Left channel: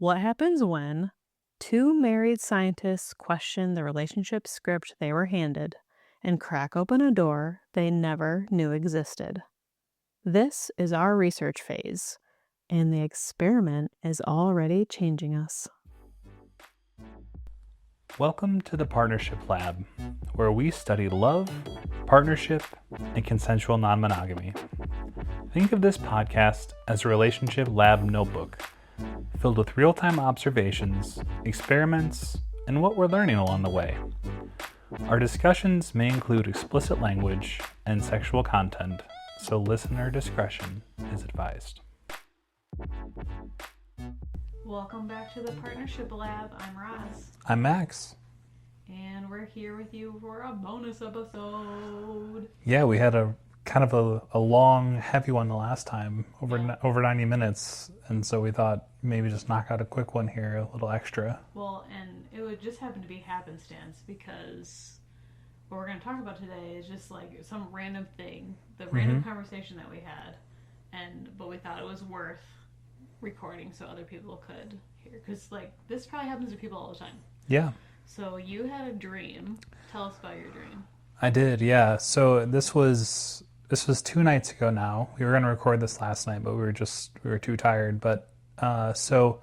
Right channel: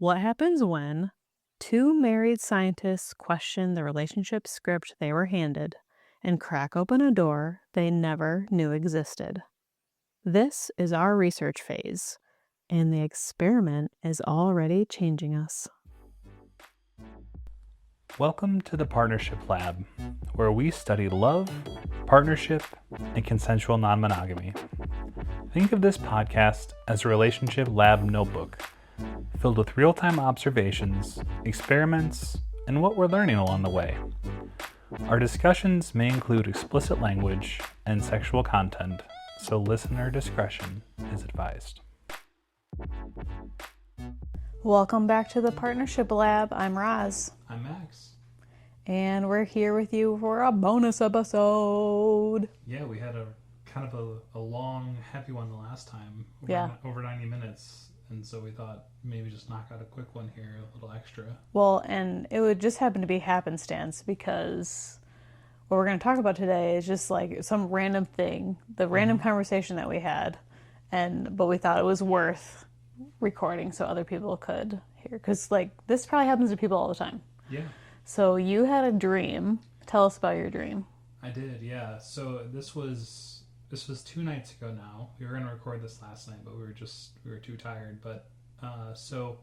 What happens when two married scientists question the relationship script they were handed and crack open a door they never knew existed? This is our research phase, and the experiment is already changing us. Welcome to the Partnership Lab, where we study love, partnership, and consensual non-monogamy. Think of this podcast as a relationship lab notebook, filled with real-time observations, experiments, and what we're learning along the way. Our discussions may include explicit language and sexual content, so listener discretion is advised. Welcome back to the Partnership Lab. I'm Roz, I'm Max. and we're here with you for a bonus episode. Yeah, we had a kind of a long, heavy one the last time, over 90 minutes, and so we thought maybe just knock out a quick one here, a little extra. Well, and it would just happen to be happenstance because what we're going to talk about today is just like some random thing, the random conversation that we had, but we thought it was worth recording so other people could hear, because like this probably happens to people all the time. Yeah. So you had a dream. Tell us about your dream. I did, yeah. So this was 2 nights ago now. We were going to record this last night, but we were too tired. But so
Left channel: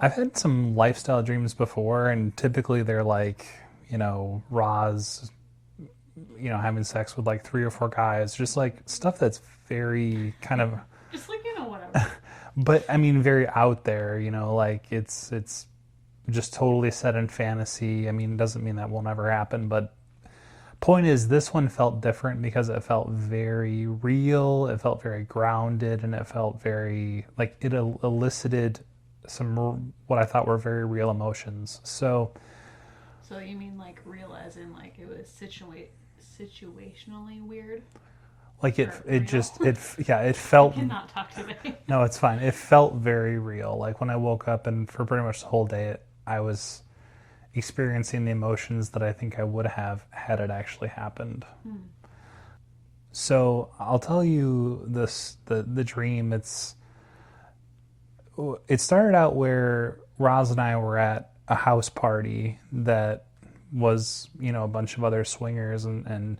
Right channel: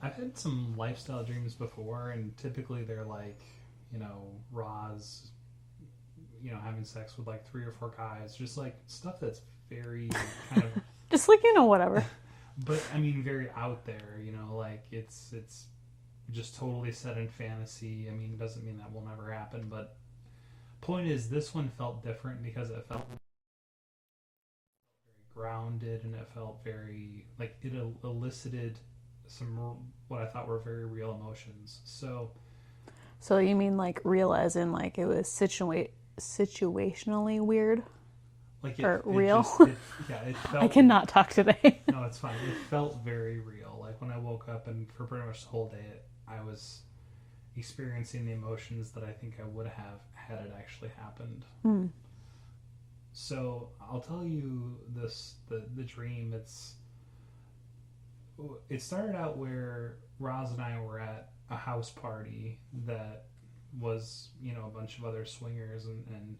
I've had some lifestyle dreams before, and typically they're like, Roz, having sex with like 3 or 4 guys, just like stuff that's very kind of Just like, whatever. but I mean very out there, like it's just totally set in fantasy. I mean, it doesn't mean that will never happen, but point is, this one felt different because it felt very real, it felt very grounded, and it felt very, like, it elicited some, what I thought were very real emotions. So you mean like real as in like it was situationally weird? like it real? just, it felt... I cannot talk today. No, it's fine. It felt very real. Like when I woke up, and for pretty much the whole day, I was experiencing the emotions that I think I would have had it actually happened. So I'll tell you the dream. It started out where Roz and I were at a house party that was, a bunch of other swingers, and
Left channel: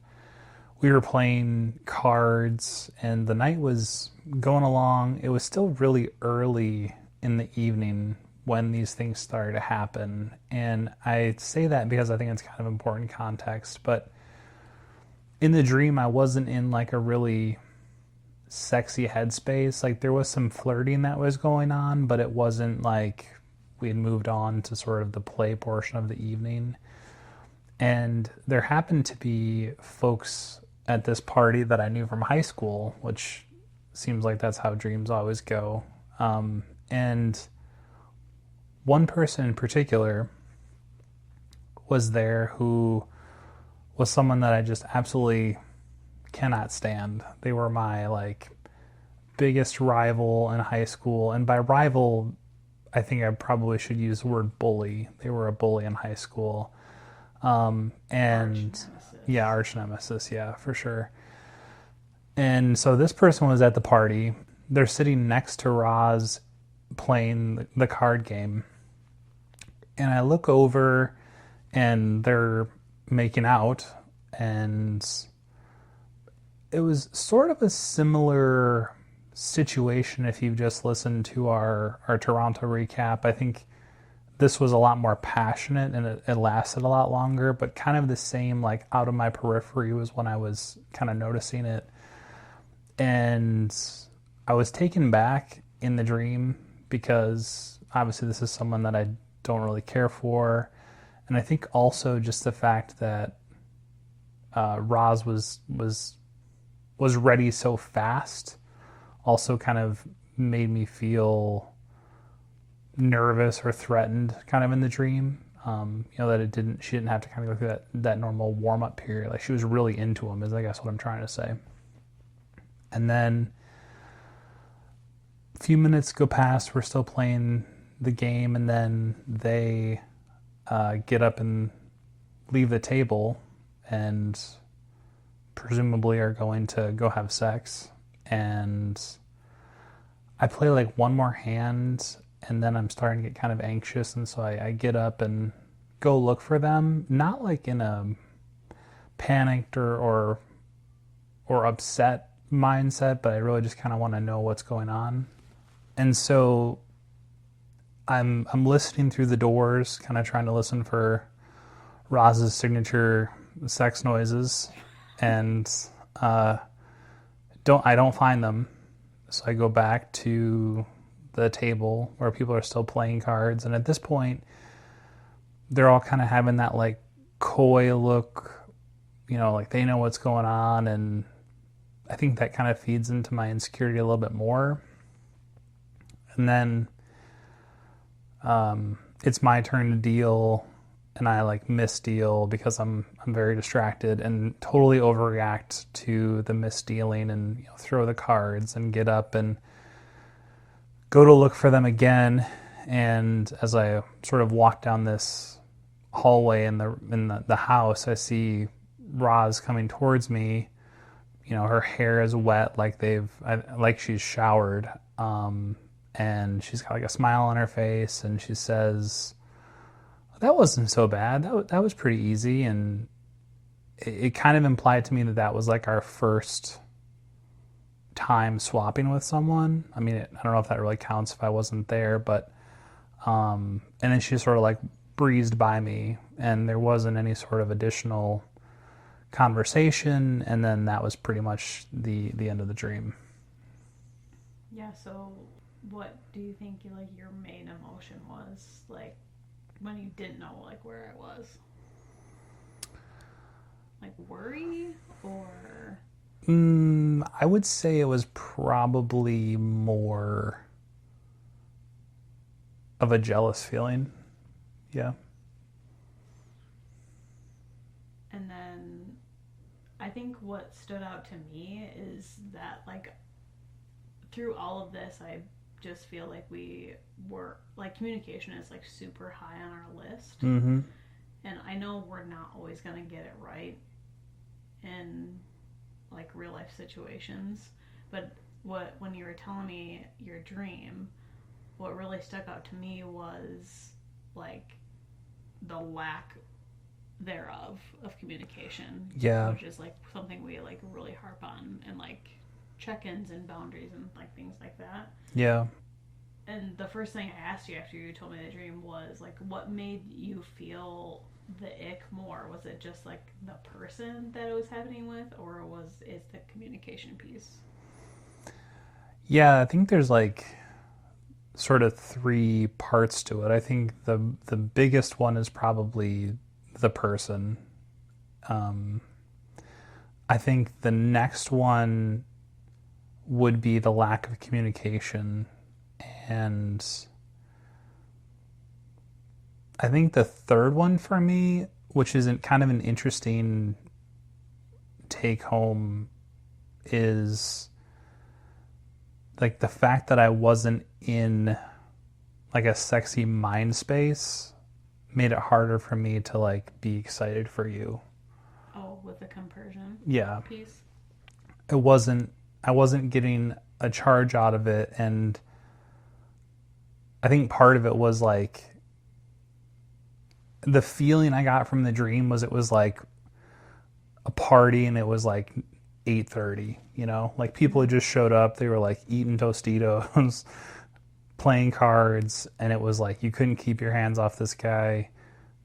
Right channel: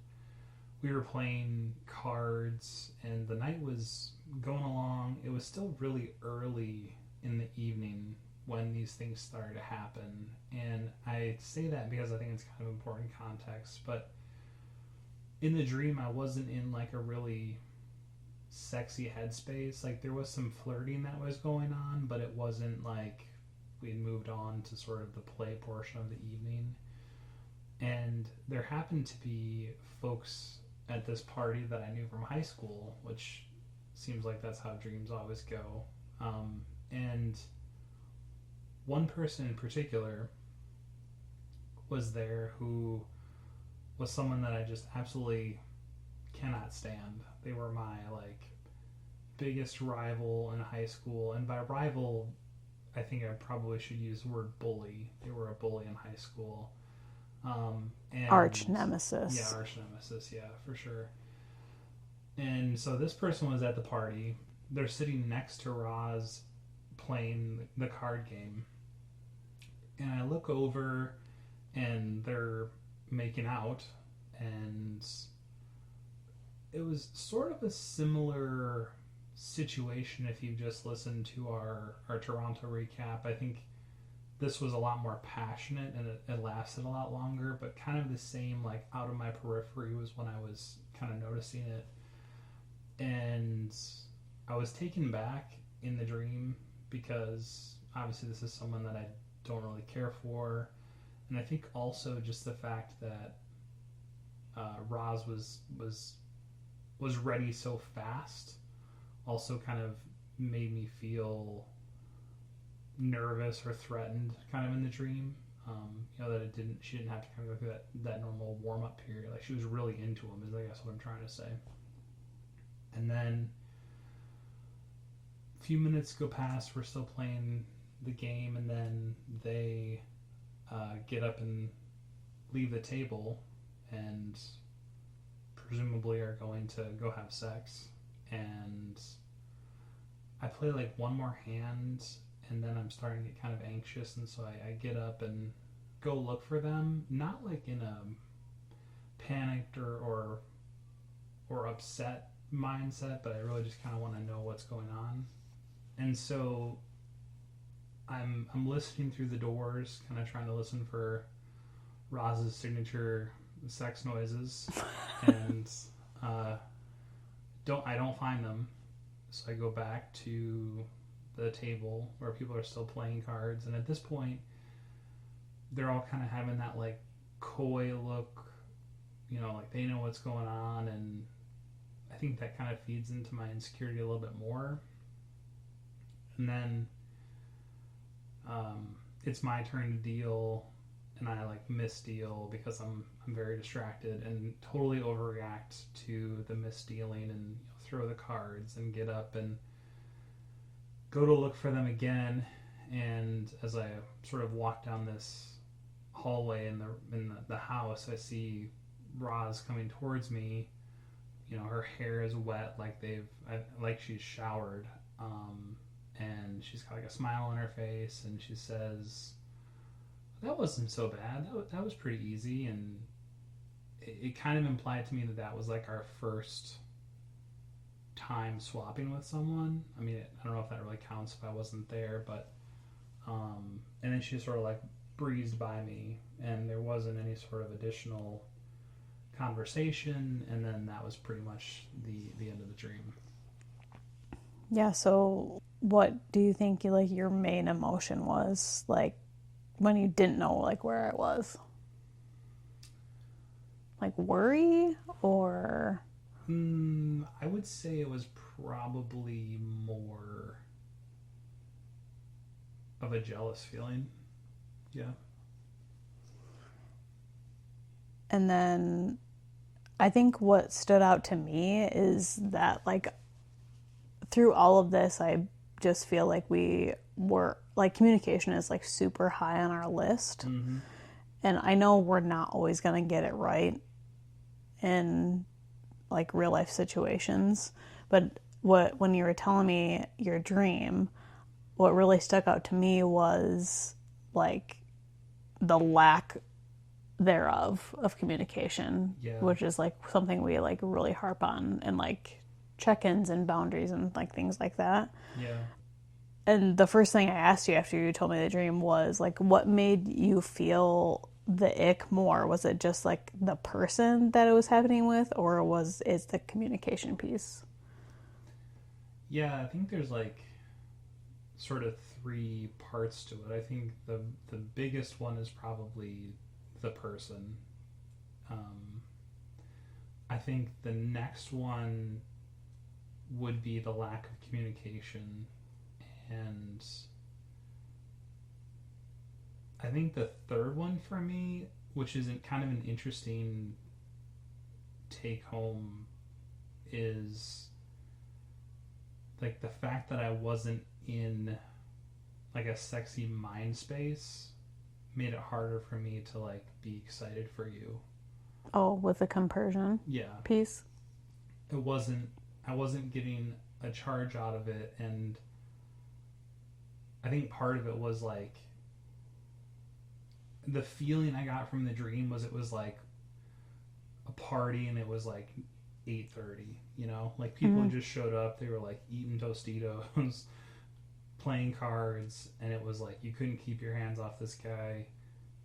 we were playing cards, and the night was going along. It was still really early in the evening when these things started to happen. And I say that because I think it's kind of important context. But in the dream, I wasn't in like a really sexy headspace. Like there was some flirting that was going on, but it wasn't like we had moved on to sort of the play portion of the evening. And there happened to be folks at this party that I knew from high school, which seems like that's how dreams always go. And one person in particular was there who was someone that I just absolutely cannot stand. They were my like biggest rival in high school, and by rival, I think I probably should use the word bully. They were a bully in high school. And Arch nemesis. Yeah, arch nemesis. Yeah, for sure. And so this person was at the party. They're sitting next to Roz playing the card game. And I look over and they're making out, and it was sort of a similar situation if you've just listened to our Toronto recap. I think this was a lot more passionate, and it lasted a lot longer, but kind of the same, like out of my periphery was when I was kind of noticing it. And I was taken back in the dream because obviously this is someone that I don't really care for. And I think also just the fact that Roz was ready so fast also kind of made me feel nervous or threatened kind of in the dream. That she didn't have to kind of go through that normal warm-up period. Like she was really into him, is I guess what I'm trying to say. And then a few minutes go past, we're still playing the game, and then they get up and leave the table and presumably are going to go have sex. And I play like one more hand, and then I'm starting to get kind of anxious, and so I get up and go look for them, not like in a panicked or upset mindset, but I really just kind of want to know what's going on. And so I'm listening through the doors, kind of trying to listen for Roz's signature sex noises, and I don't find them. So I go back to the table where people are still playing cards, and at this point, they're all kind of having that like coy look, like they know what's going on, and I think that kind of feeds into my insecurity a little bit more. And then it's my turn to deal, and I like misdeal because I'm very distracted and totally overreact to the misdealing, and throw the cards and get up and go to look for them again. And as I sort of walk down this hallway in the house, I see Roz coming towards me. Her hair is wet, like she's showered, and she's got like a smile on her face, and she says, "That wasn't so bad. That was pretty easy." And it kind of implied to me that was like our first time swapping with someone. I mean, I don't know if that really counts if I wasn't there, but and then she sort of like breezed by me, and there wasn't any sort of additional conversation, and then that was pretty much the end of the dream. Yeah, so what do you think your main emotion was, like when you didn't know like where it was? Like worry or I would say it was probably more of a jealous feeling. Yeah. and then I think what stood out to me is that like through all of this I just feel like we were like communication is like super high on our list. Mm-hmm. And I know we're not always going to get it right in like real life situations, but when you were telling me your dream, what really stuck out to me was like the lack thereof of communication, Yeah. which is like something we like really harp on and like check-ins and boundaries and like things like that. Yeah. And the first thing I asked you after you told me the dream was like, what made you feel the ick more? Was it just like the person that it was happening with, or is the communication piece? Yeah, I think there's like sort of three parts to it. I think the biggest one is probably the person. Um, I think the next one would be the lack of communication, and I think the third one for me, which is kind of an interesting take home, is like the fact that I wasn't in like a sexy mind space made it harder for me to like be excited for you. Oh, with the compersion Yeah. piece? I wasn't getting a charge out of it, and I think part of it was like the feeling I got from the dream was it was like a party, and it was like 8:30, like people had just showed up, they were like eating Tostitos, playing cards, and it was like you couldn't keep your hands off this guy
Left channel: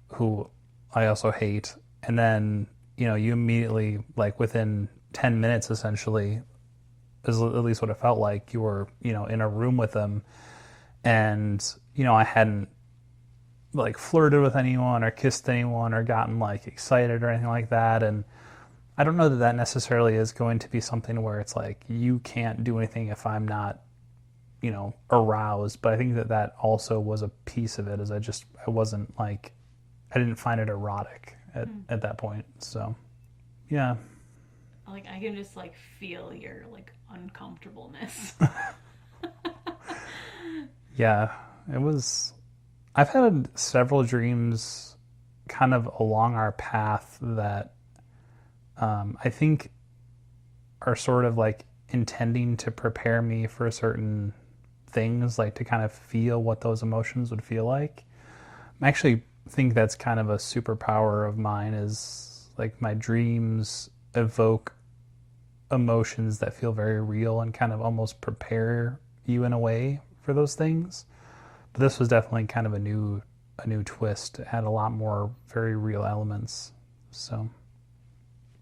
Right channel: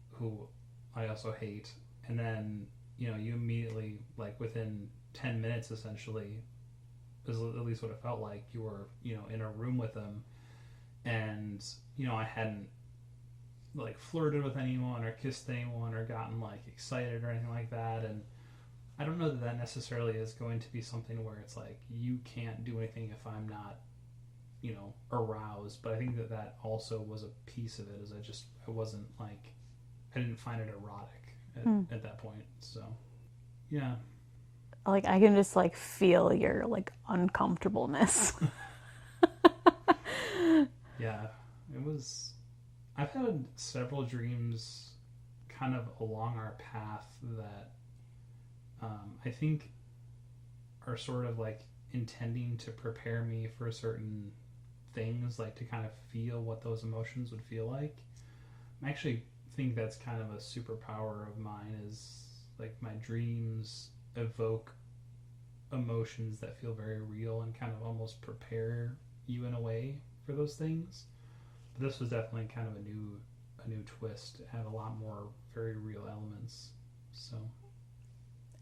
who I also hate. And then, you immediately, like within 10 minutes essentially, is at least what it felt like, you were, in a room with him. And, I hadn't like flirted with anyone or kissed anyone or gotten like excited or anything like that. And I don't know that necessarily is going to be something where it's like you can't do anything if I'm not, aroused. But I think that also was a piece of it, is I wasn't like, I didn't find it erotic at that point. So, yeah. Like I can just like feel your like uncomfortableness. Yeah, it was. I've had several dreams kind of along our path that I think are sort of like intending to prepare me for certain things, like to kind of feel what those emotions would feel like. I actually think that's kind of a superpower of mine, is like my dreams evoke emotions that feel very real and kind of almost prepare you in a way for those things. But this was definitely kind of a new twist. It had a lot more very real elements. So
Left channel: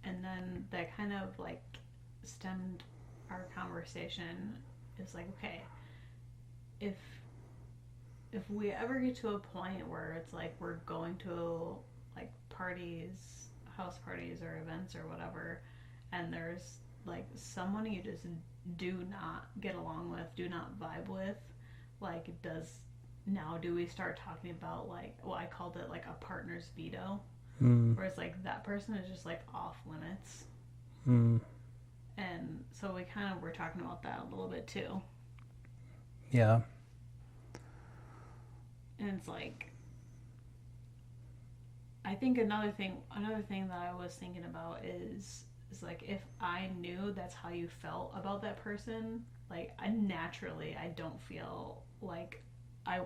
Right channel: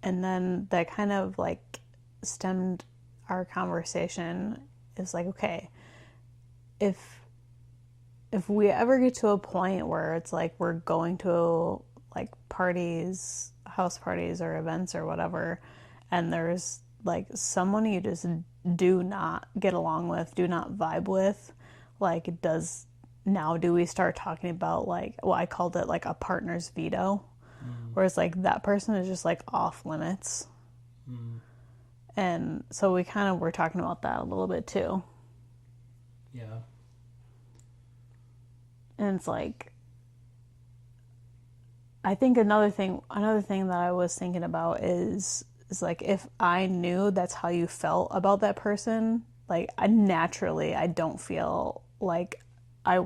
And then that kind of like stemmed our conversation. Is like, okay, if we ever get to a point where it's like we're going to like parties, house parties or events or whatever, and there's like someone you just do not get along with, do not vibe with, like do we start talking about like, well, I called it like a partner's veto, where it's like that person is just like off limits. And so we kind of were talking about that a little bit too. yeah. And it's like, I think another thing that I was thinking about is like, if I knew that's how you felt about that person, like I don't feel like I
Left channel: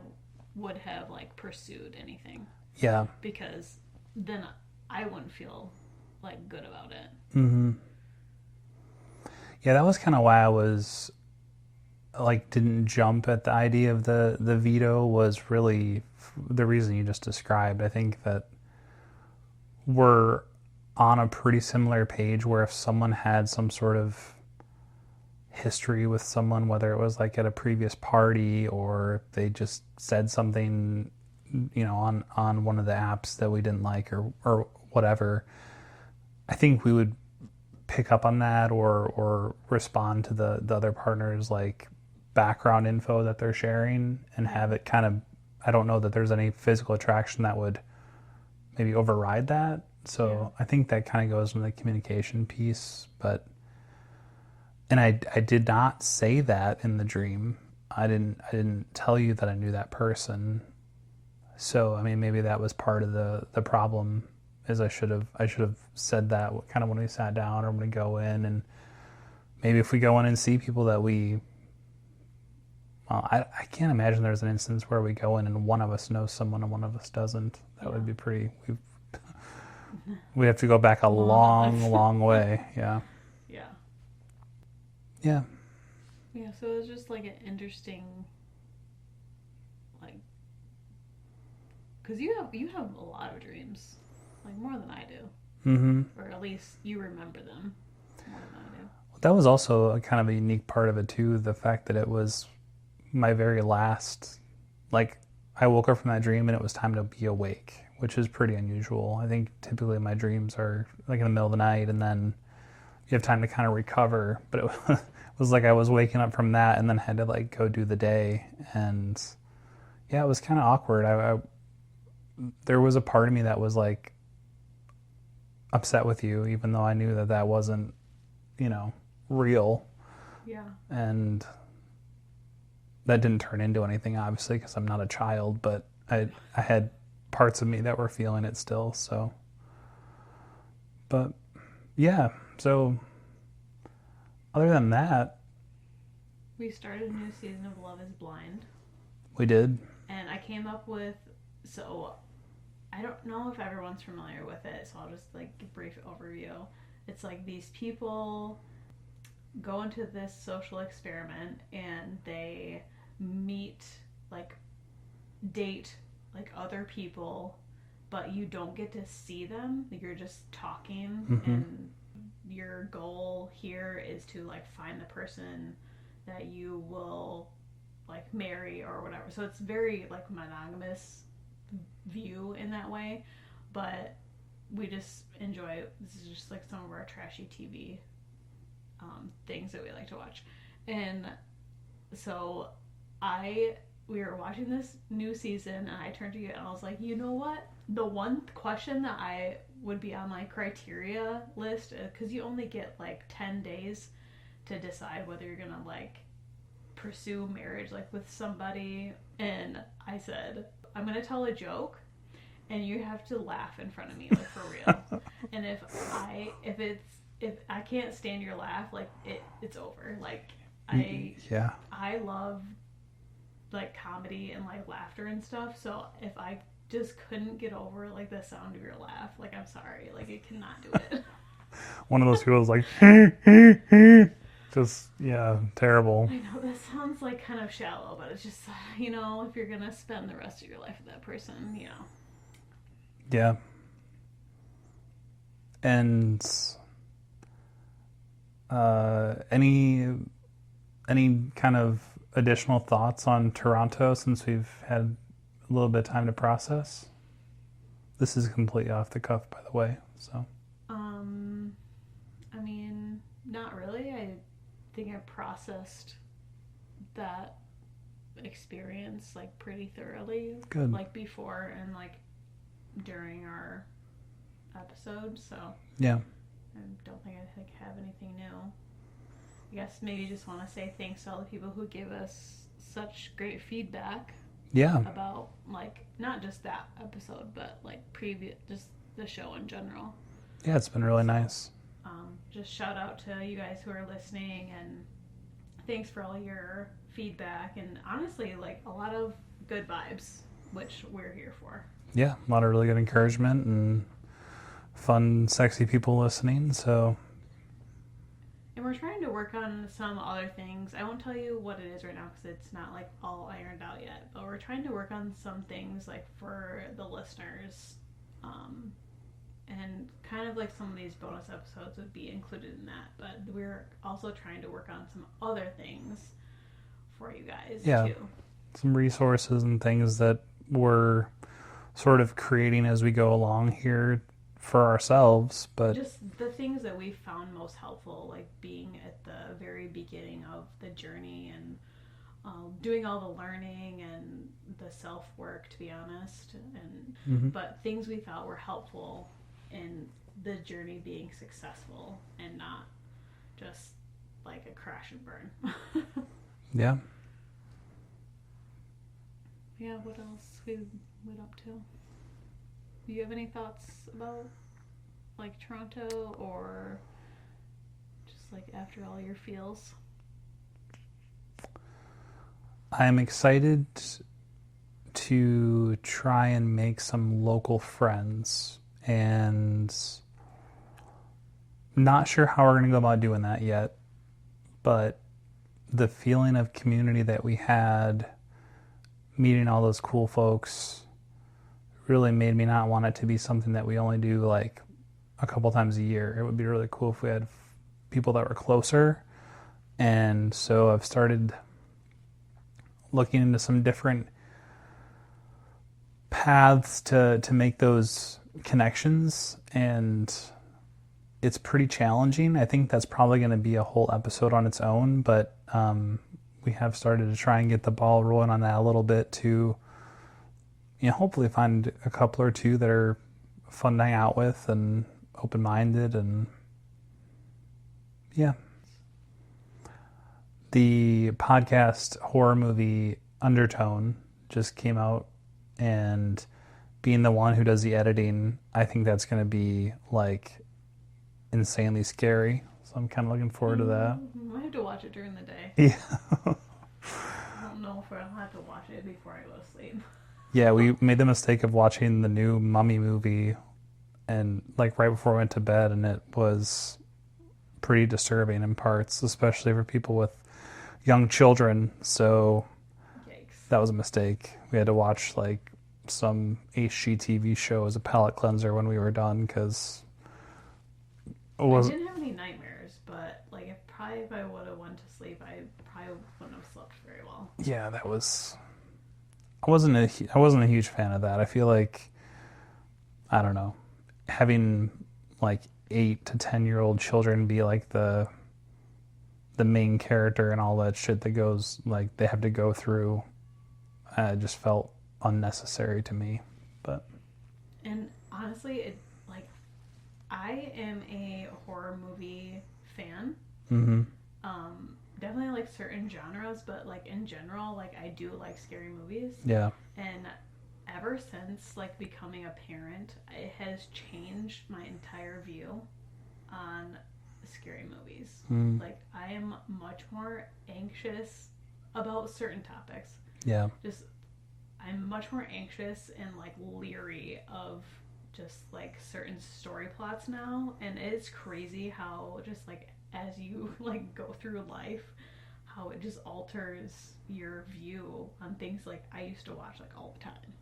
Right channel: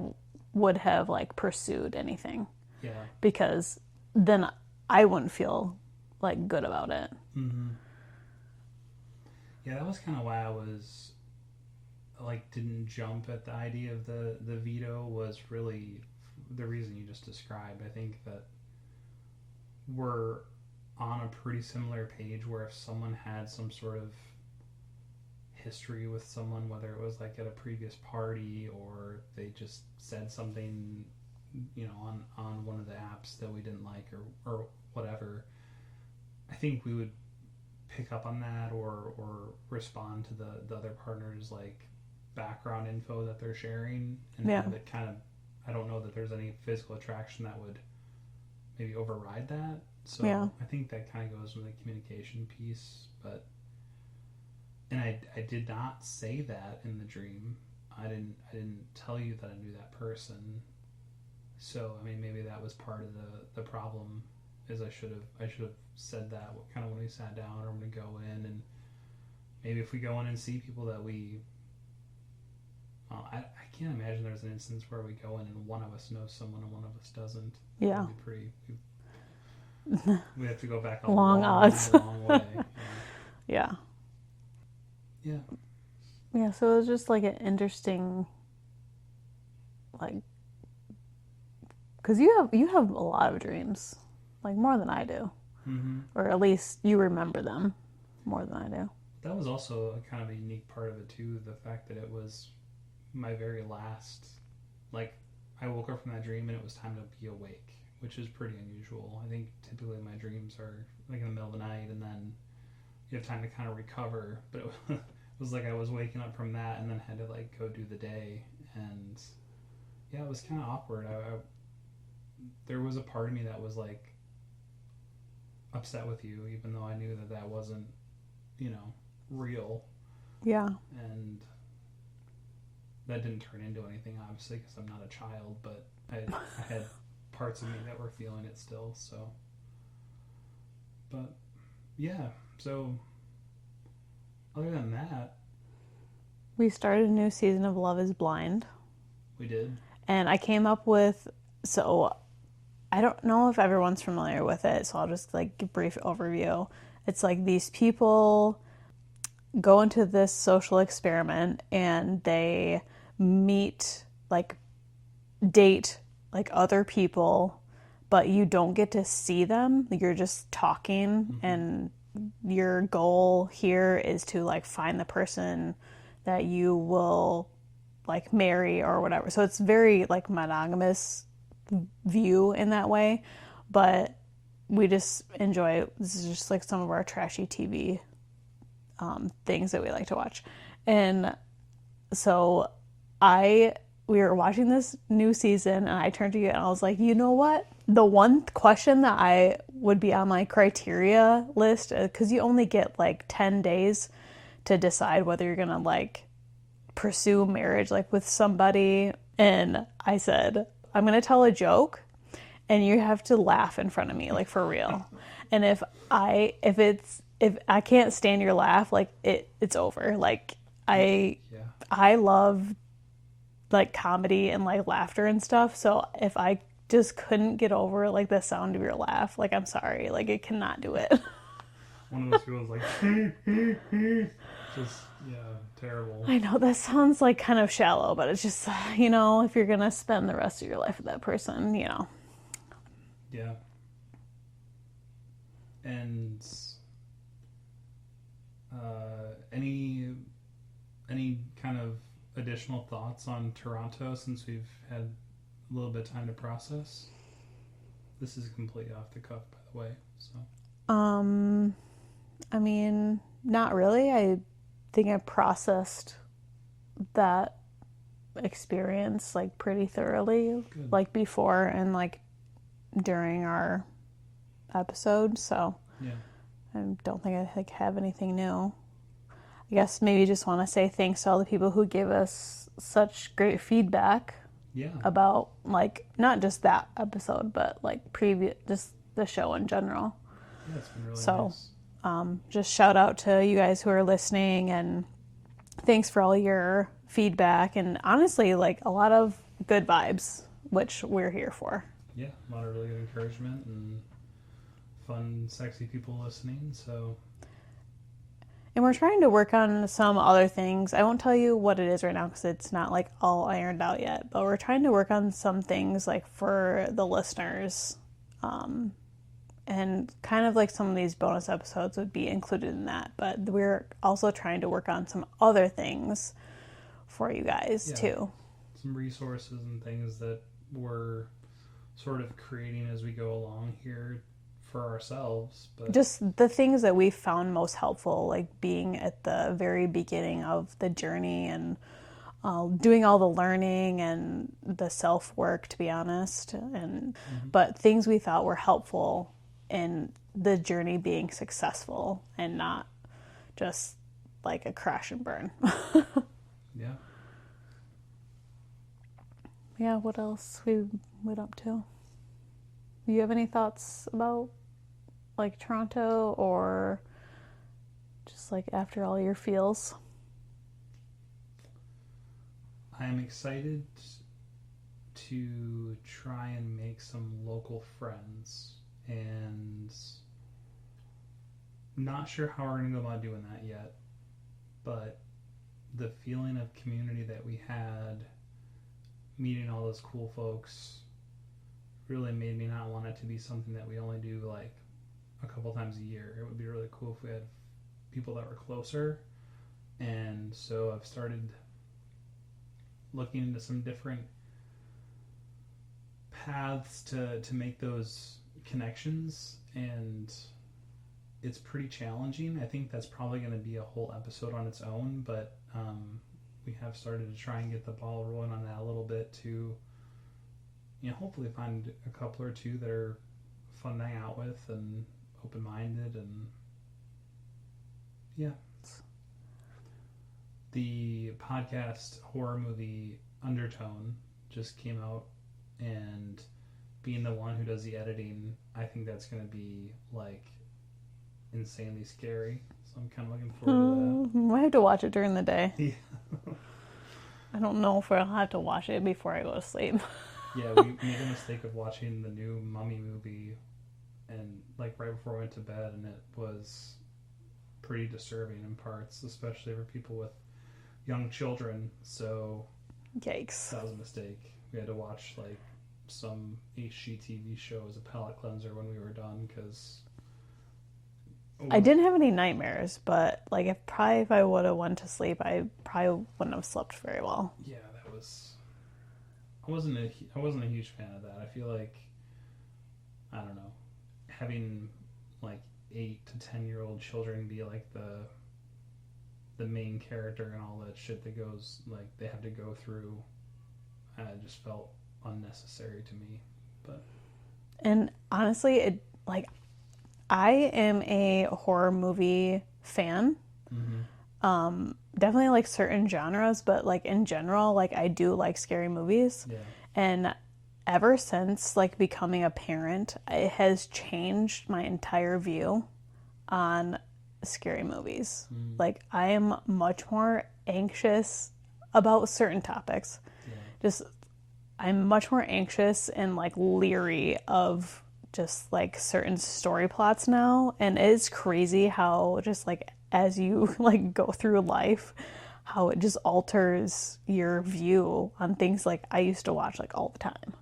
would have like pursued anything, Yeah. because then I wouldn't feel like good about it. Yeah, that was kind of why I was like didn't jump at the idea of the veto, was really the reason you just described. I think that we're on a pretty similar page, where if someone had some sort of history with someone, whether it was like at a previous party or if they just said something, on one of the apps that we didn't like, or whatever, I think we would pick up on that, or respond to the other partner's like background info that they're sharing, and have it kind of, I don't know that there's any physical attraction that would maybe override that. So I think that kind of goes into the communication piece. And I did not say that in the dream. I didn't tell you that I knew that person. So I mean, maybe that was part of the problem, is I should have said that kind of when we sat down, or when we go in. And maybe if we go in and see people that I can't imagine there's an instance where we go in and one of us knows someone and one of us doesn't. That would be pretty. We have to go back a long way. Yeah. Yeah. Yeah. Yeah. So it was just like an interesting, like, because you have a lot of dreams, like more than I do, or at least you remember them more than I do. That was also a kind of a unique part of it too. The fact that it was my very last, like, I woke up from that dream and it was time to be awake, which is pretty unusual. I think typically my dreams are like in the middle of the night, and then you have time to kind of recover. But it was like I was waking up from that and then had to like go do the day. And yeah, it was kind of awkward. There was a part of me that was like upset with you, even though I knew that wasn't, real. Yeah. And that didn't turn into anything, obviously, because I'm not a child, but I had parts of me that were feeling it still. So, but yeah, so other than that, we started a new season of Love is Blind. We did. And I came up with, so I don't know if everyone's familiar with it, so I'll just like give a brief overview. It's like these people go into this social experiment and they date like other people, but you don't get to see them. You're just talking, and your goal here is to like find the person that you will like marry or whatever. So it's very like monogamous view in that way, but we just enjoy, this is just like some of our trashy TV things that we like to watch. And so we were watching this new season, and I turned to you and I was like, you know what? The one question that I would be on my criteria list, because you only get like 10 days to decide whether you're gonna like pursue marriage like with somebody. And I said, I'm gonna tell a joke and you have to laugh in front of me, like for real. And if I can't stand your laugh, like it's over. Like I love like comedy and like laughter and stuff. So if I just couldn't get over like the sound of your laugh, like I'm sorry, like it cannot do it. One of those people is like, just, yeah, terrible. I know that sounds like kind of shallow, but it's just, you know, if you're gonna spend the rest of your life with that person, you know. Yeah. And any kind of additional thoughts on Toronto since we've had a little bit of time to process? This is completely off the cuff, by the way. So I mean, not really. I think I processed that experience like pretty thoroughly, good. like before and like during our episode. So Yeah. I don't think I like have anything new. I guess maybe just want to say thanks to all the people who gave us such great feedback Yeah. about like not just that episode, but like previous, just the show in general. Yeah, it's been really So, nice. Just shout out to you guys who are listening, and thanks for all your feedback, and honestly, like a lot of good vibes, which we're here for. Yeah, a lot of really good encouragement and fun, sexy people listening. So, And we're trying to work on some other things. I won't tell you what it is right now because it's not like all ironed out yet, but we're trying to work on some things like for the listeners. And kind of like some of these bonus episodes would be included in that, but we're also trying to work on some other things for you guys too. Some resources and things that we're sort of creating as we go along here for ourselves, but just the things that we found most helpful, like being at the very beginning of the journey and doing all the learning and the self work, to be honest, and but things we thought were helpful in the journey being successful and not just like a crash and burn. yeah. Yeah, what else we went up to? You have any thoughts about like Toronto or just like after all your feels? I'm excited to try and make some local friends, and not sure how we're going to go about doing that yet, but the feeling of community that we had meeting all those cool folks really made me not want it to be something that we only do like a couple times a year. It would be really cool if we had people that were closer. And so I've started looking into some different paths to make those connections, and it's pretty challenging. I think that's probably going to be a whole episode on its own, but we have started to try and get the ball rolling on that a little bit to, you know, hopefully find a couple or two that are fun to hang out with and open-minded. And yeah, the podcast horror movie Undertone just came out, and being the one who does the editing, I think that's going to be like insanely scary. So I'm kind of looking forward to that. I have to watch it during the day. Yeah. I don't know if I'll have to watch it before I go to sleep. Yeah, we made the mistake of watching the new Mummy movie, and like right before I went to bed, and it was pretty disturbing in parts, especially for people with young children. So Yikes. that was a mistake. We had to watch like some HGTV show as a palate cleanser when we were done, because I didn't have any nightmares, but like if I would have went to sleep, I probably wouldn't have slept very well. Yeah, that was. I wasn't a huge fan of that. I feel like, I don't know, having like 8 to 10-year-old children be like the main character and all that shit that goes, like, they have to go through, just felt unnecessary to me. But And honestly, it like I am a horror movie fan. Definitely like certain genres, but like in general, like I do like scary movies. yeah, And ever since like becoming a parent, it has changed my entire view on scary movies. Like I am much more anxious about certain topics. Yeah. Just, I'm much more anxious and like leery of just like certain story plots now. And it is crazy how just like as you like go through life, how it just alters your view on things like I used to watch like all the time.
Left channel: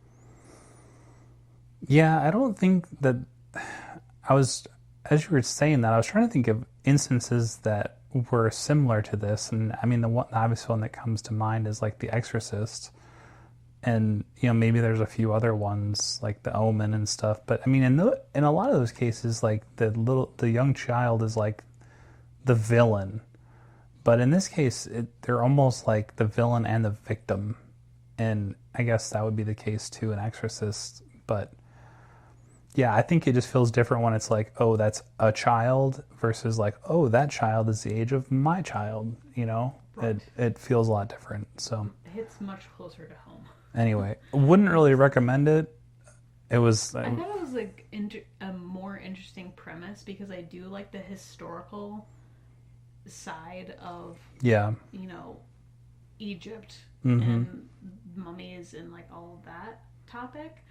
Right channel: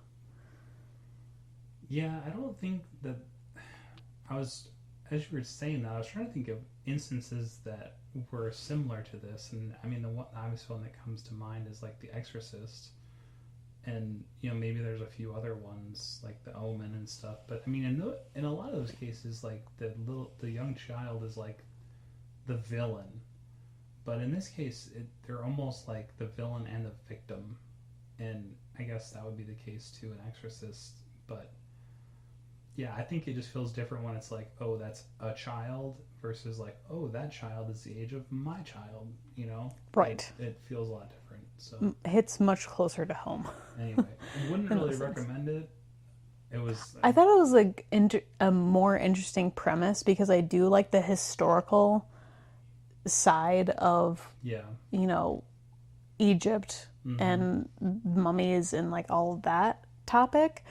Yeah, I don't think that I was, as you were saying that, I was trying to think of instances that were similar to this. And I mean, the one, obvious one that comes to mind is like The Exorcist. And, you know, maybe there's a few other ones like The Omen and stuff. But I mean, in a lot of those cases, like the young child is like the villain. But in this case, they're almost like the villain and the victim. And I guess that would be the case too in Exorcist. But yeah, I think it just feels different when it's like, oh, that's a child versus like, oh, that child is the age of my child, you know? Right. It feels a lot different. So Hits much closer to home. anyway, wouldn't really recommend it. It was I thought it was like a more interesting premise because I do like the historical side of, yeah. you know, Egypt and mummies and like all of that topic.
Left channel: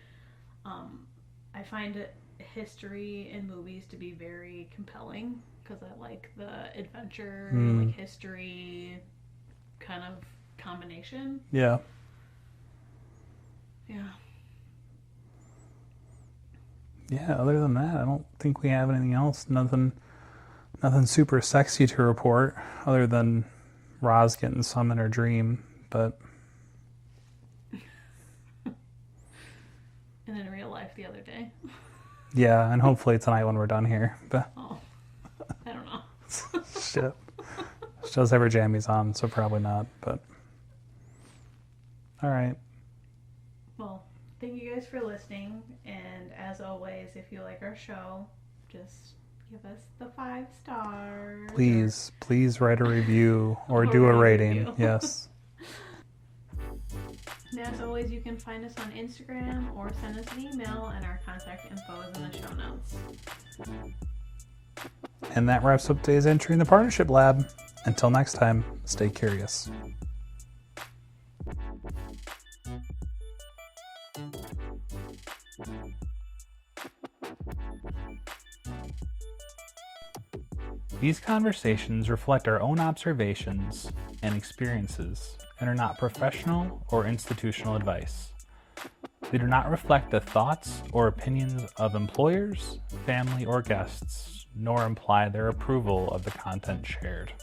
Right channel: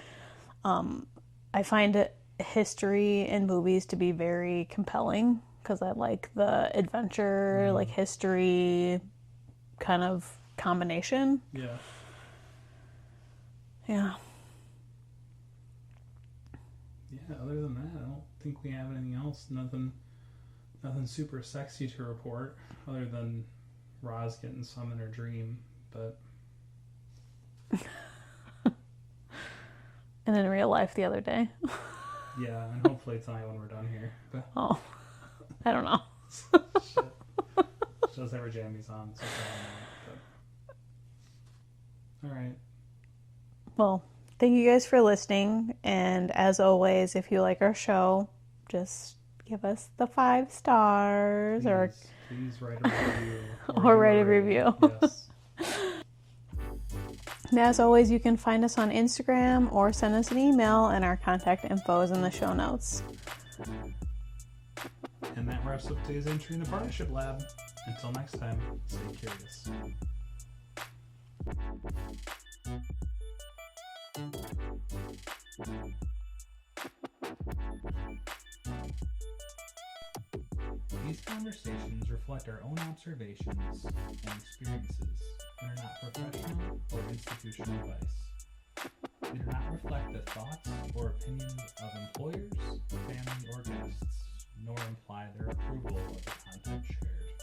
I find it history in movies to be very compelling because I like the adventure, like history kind of combination. Yeah. Yeah. Yeah, other than that, I don't think we have anything else. Nothing super sexy to report other than Roz getting some in her dream, but And in real life the other day. yeah, and hopefully tonight when we're done here. But Oh, I don't know. shit. She does have her jammies on, so probably not, but all right. Well, thank you guys for listening. And as always, if you like our show, just give us the 5 stars. Please write a review or Or do write a a rating. review. Yes. And as always, you can find us on Instagram or send us an email, and our contact info is in the show notes. And that wraps up today's entry in the Partnership Lab. Until next time, stay curious. These conversations reflect our own observations and experiences and are not professional or institutional advice. They do not reflect the thoughts or opinions of employers, family, or guests, nor imply their approval of the content shared.